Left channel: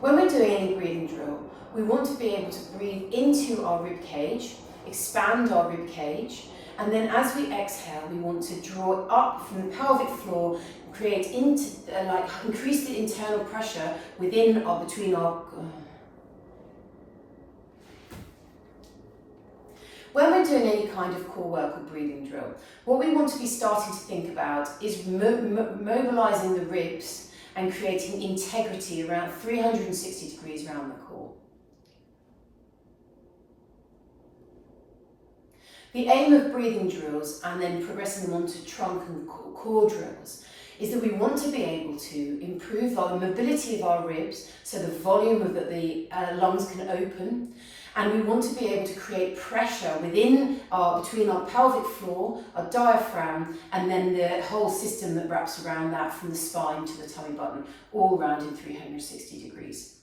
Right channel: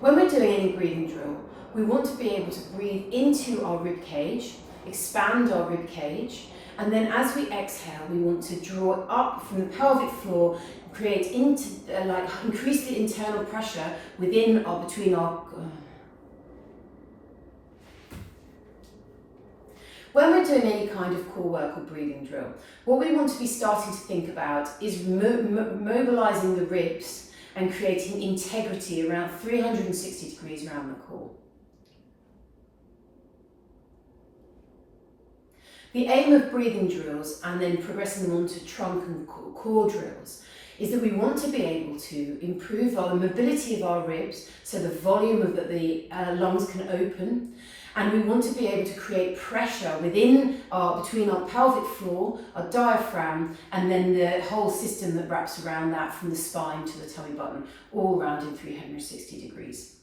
When we're doing any breathing drill, we want to be able to breathe into our rib cage, expand our rib cage, and then as we exhale, we want to draw it up from the pelvic floor, create increase the internal pressure within or between our. When we're doing any kind of core work or breathing drill, what we want to be starting to think about is mobilizing the ribs and creating integrity around 360 degrees around the core. The aim of breathing drills and then progressing them onto trunk and core drills is that we want to be able to improve the mobility of our ribs so the volume of the lungs can open, and we want to be able to create pressure between our pelvic floor, our diaphragm, and then the whole system that wraps around that from the spine to the tummy button, all around in 360 degrees.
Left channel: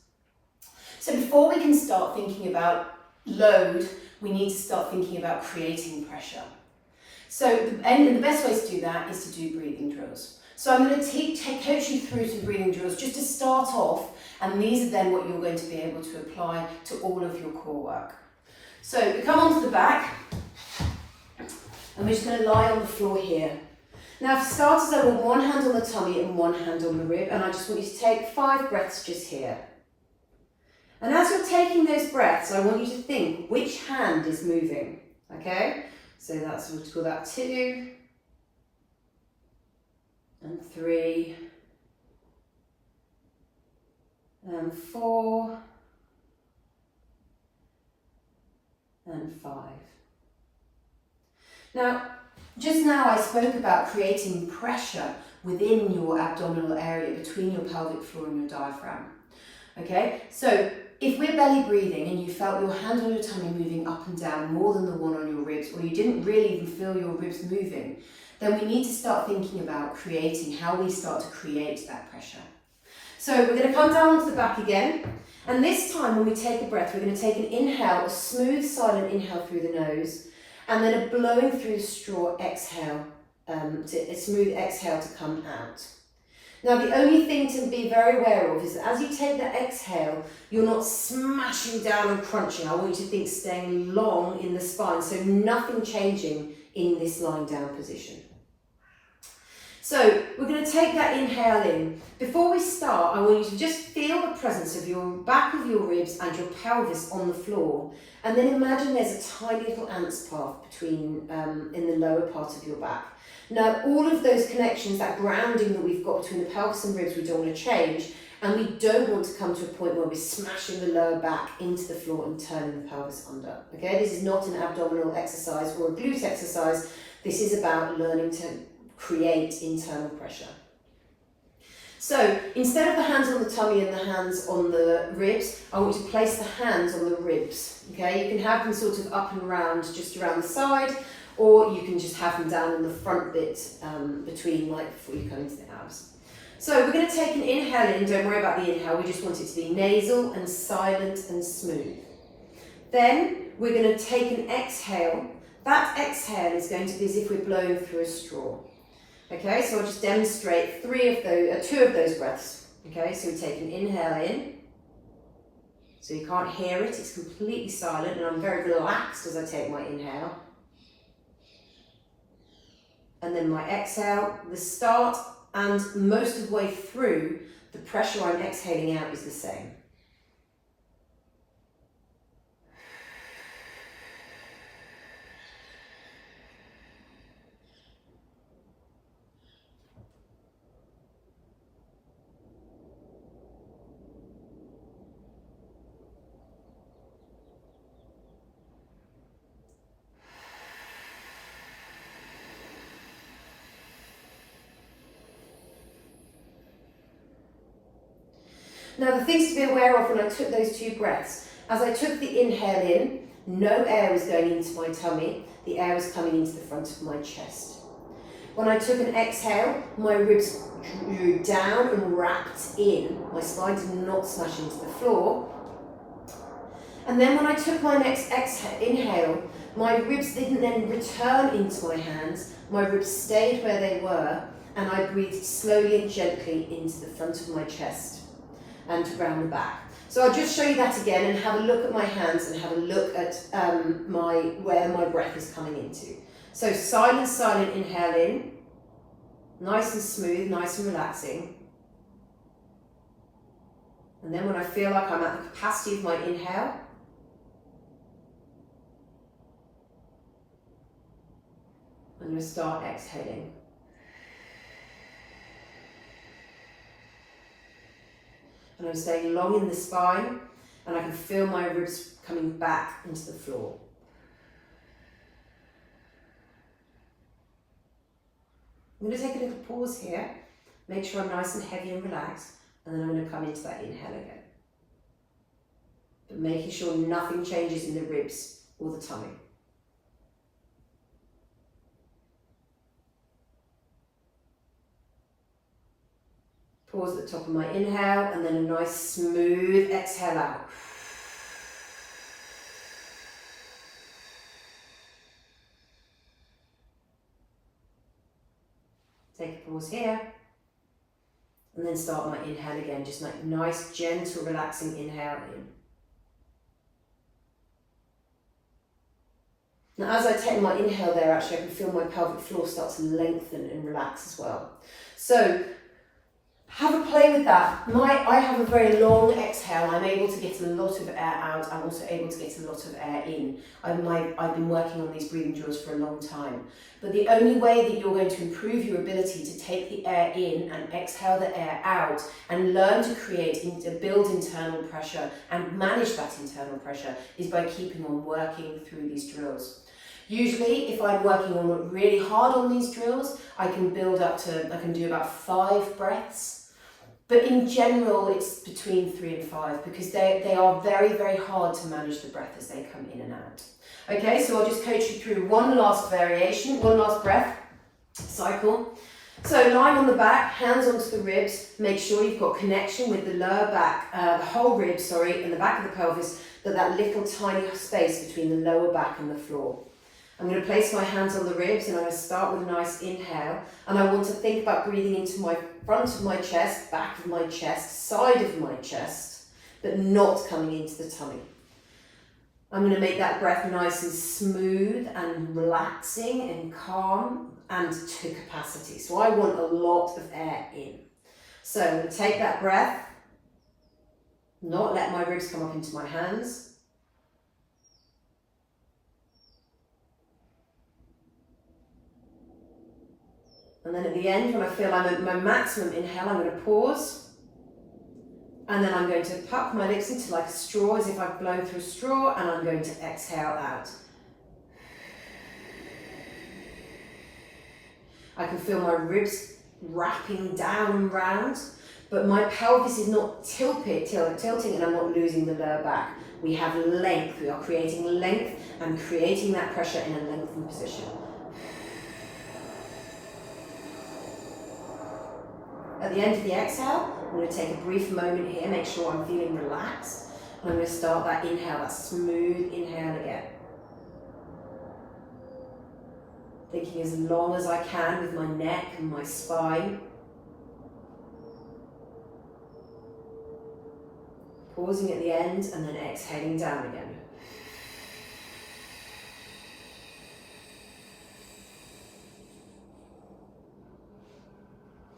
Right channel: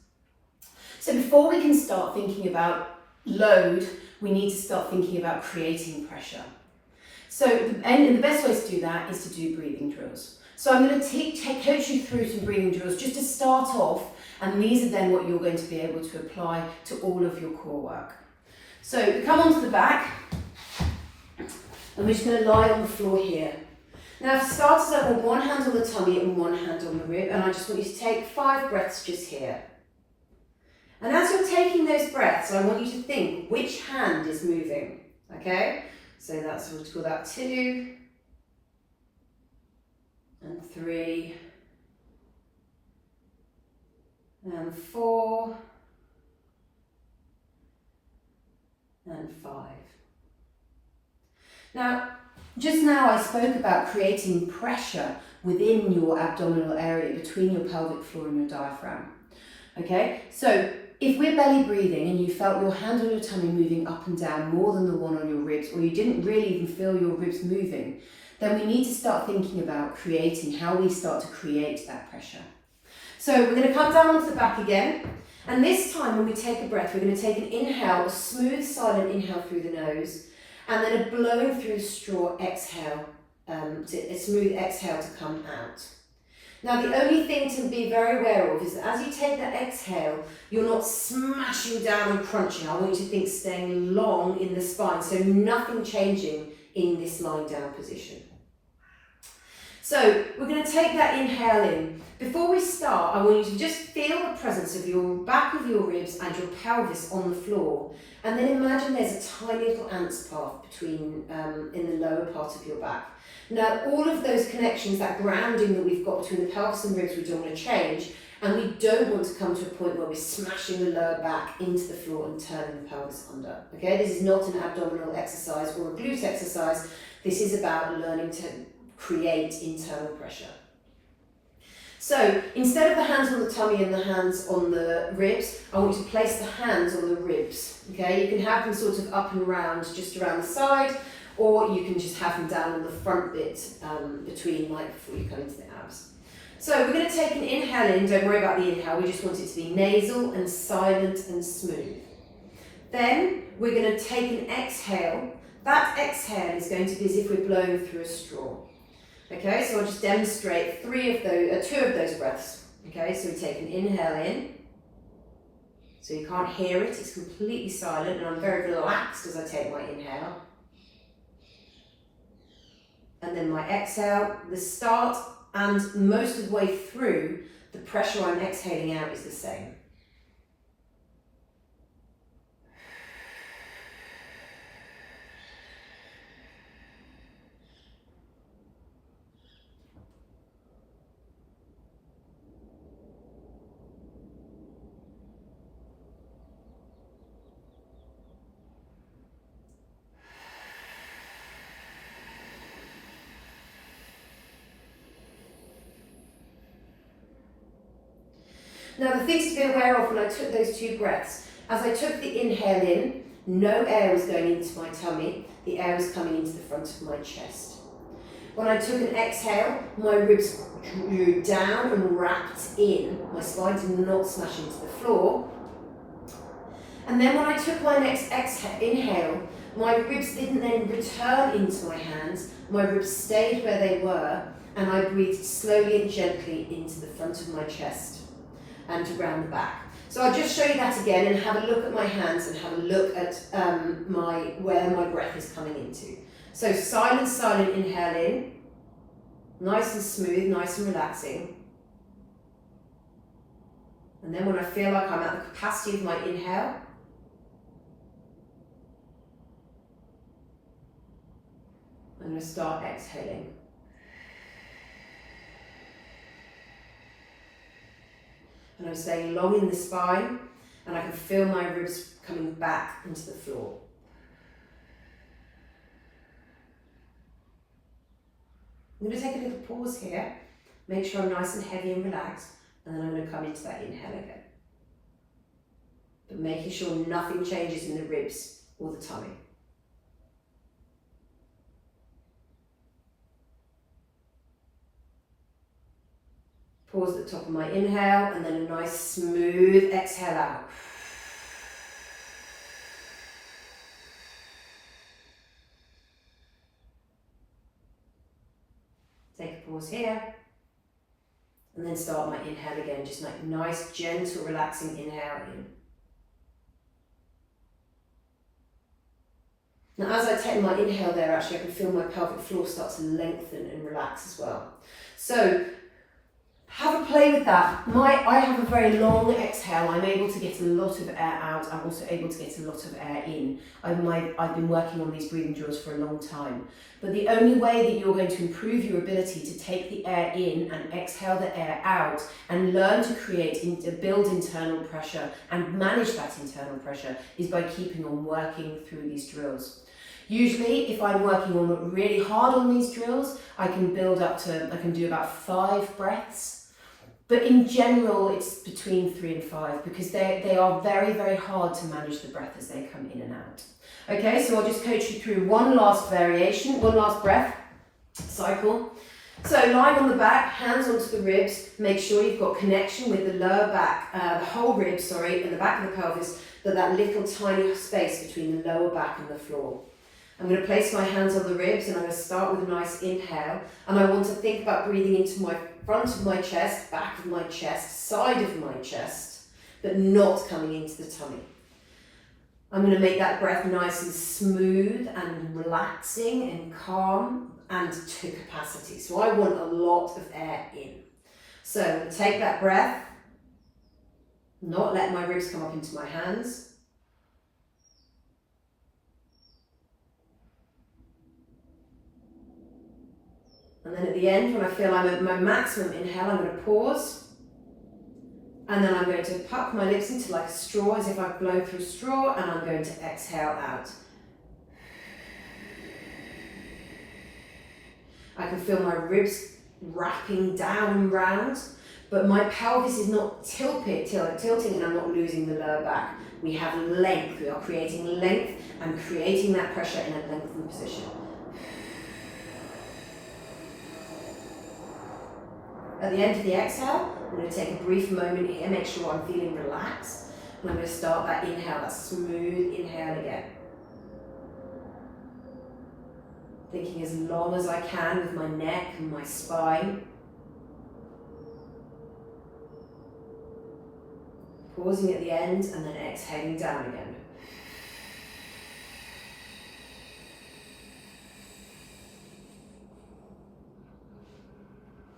So before we can start thinking about load, we need to start thinking about creating pressure. So the best way to do that is to do breathing drills. So I'm going to coach you through some breathing drills just to start off, and these are then what you're going to be able to apply to all of your core work. So we come onto the back, and we're just going to lie on the floor here. Now for starters, I want one hand on the tummy and one hand on the rib, and I just want you to take 5 breaths just here. And as you're taking those breaths, I want you to think which hand is moving, okay? So that's, we'll call that 2, and 3, and 4, and 5. Now, just now I spoke about creating pressure within your abdominal area, between your pelvic floor and your diaphragm. Okay, so if we're belly breathing and you felt your hand on your tummy moving up and down more than the one on your ribs, or you didn't really even feel your ribs moving, then we need to start thinking about how we start to create that pressure. So we're going to come down onto the back again, and this time when we take a breath, we're going to take an inhale, a smooth silent inhale through the nose, and then a blowing through straw exhale, a smooth exhale to come out. Now the only thing to be very aware of is that as you take that exhale, you're not smashing down and crunching. I want you to think staying long in the spine, so nothing changing in this lying down position. So we're going to take that inhale in. Before we start, I want you to just feel the presence of your back of your ribs and your pelvis on the floor, and then imagine there's a tiny little ant's path between in the lower part of your back. Now all of those connections, that grounding that we've got between the pelvis and ribs, we don't want to change, and we don't want to come to a point where we're smashing the lower back into the floor and turning the pelvis under. Okay, this is not an abdominal exercise or a glute exercise. This is about learning to create internal pressure. So instead of the hands on the tummy and the hands on the ribs, I want you to place the hands on the ribs. Okay, you can have them sort of up and round, just around the side, or you can just have them down on the front bit between, like, before you come into the abs. So we're going to take an inhale in. Don't worry about the inhale, we just want it to be nasal and silent and smooth. Then we're going to take an exhale. That exhale is going to be as if we're blowing through a straw. Okay, so I'll just demonstrate 2 of those breaths. Okay, so we take an inhale in. So you can't hear it, it's completely silent, and I'm very relaxed as I take my inhale. And then my exhale, the start and most of the way through, the pressure I'm exhaling out is the same. Now the things to be aware of when I took those 2 breaths, as I took the inhale in, no air was going into my tummy, the air was coming into the front of my chest. When I took an exhale, my ribs drew down and wrapped in, my spine did not smash into the floor. And then when I took my next inhale, my ribs didn't then return into my hands, my ribs stayed where they were, and I breathed slowly and gently into the front of my chest. and around the back. So I'll just show you that again and have a look at my hands and have a look at where my breath is coming into. So silent inhale in, nice and smooth, nice and relaxing. And then when I feel like I'm at the capacity of my inhale, I'm going to start exhaling. And I'm staying long in the spine, and I can feel my ribs coming back into the floor. I'm going to take a little pause here, make sure I'm nice and heavy and relaxed, and then I'm going to come into that inhale again. But making sure nothing changes in the ribs or the tummy. Pause at the top of my inhale, and then a nice smooth exhale out. Take a pause here, and then start my inhale again, just like nice, gentle, relaxing inhale in. Now as I take my inhale there, actually I can feel my pelvic floor start to lengthen and relax as well. So have a play with that. I have a very long exhale. I'm able to get a lot of air out. I'm also able to get a lot of air in. I've been working on these breathing drills for a long time. But the only way that you're going to improve your ability to take the air in and exhale the air out and learn to build internal pressure and manage that internal pressure is by keeping on working through these drills. Usually, if I'm working on really hard on these drills, I can do about 5 breaths. But in general, it's between 3 and 5 because they are very, very hard to manage the breath as they come in and out. Okay, so I'll just coach you through one last variation, one last breath cycle. So lying on the back, hands onto the ribs, make sure you've got connection with the lower back, the whole rib, and the back of the pelvis, but that little tiny space between the lower back and the floor. I'm going to place my hands on the ribs and I'm going to start with a nice inhale, and I want to think about breathing into my front of my chest, back of my chest, side of my chest, but not coming into the tummy. I'm going to make that breath nice and smooth and relaxing and calm and to capacity. So I want a lot of air in. So I'm going to take that breath, not let my ribs come up into my hands. And then at the end, when I feel I'm at my maximum inhale, I'm going to pause. And then I'm going to puck my lips into like a straw, as if I've blown through a straw, and I'm going to exhale out. I can feel my ribs wrapping down and round, but my pelvis is not tilting and I'm not losing the lower back. We have length. We are creating length and creating that pressure in a lengthened position. At the end of the exhale, I'm going to take a brief moment here, make sure I'm feeling relaxed, and I'm going to start that inhale, that smooth inhale again. Thinking as long as I can with my neck and my spine. Pausing at the end and then exhaling down again.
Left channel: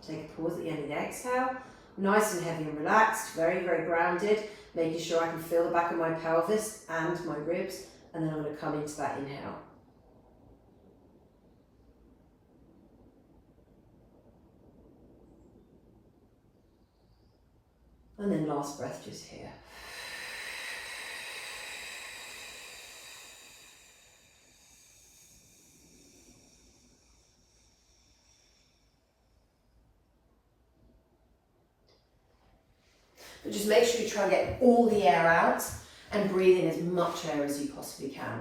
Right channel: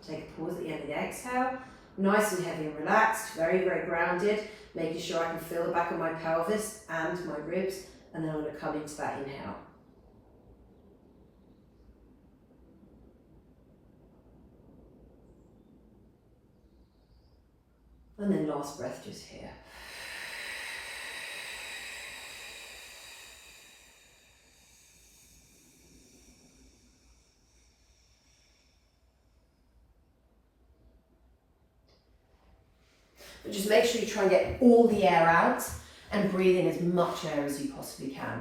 Take a pause at the end of the exhale, nice and heavy and relaxed, very, very grounded, making sure I can feel the back of my pelvis and my ribs, and then I'm going to come into that inhale. And then last breath just here. But just make sure you try and get all the air out and breathe in as much air as you possibly can.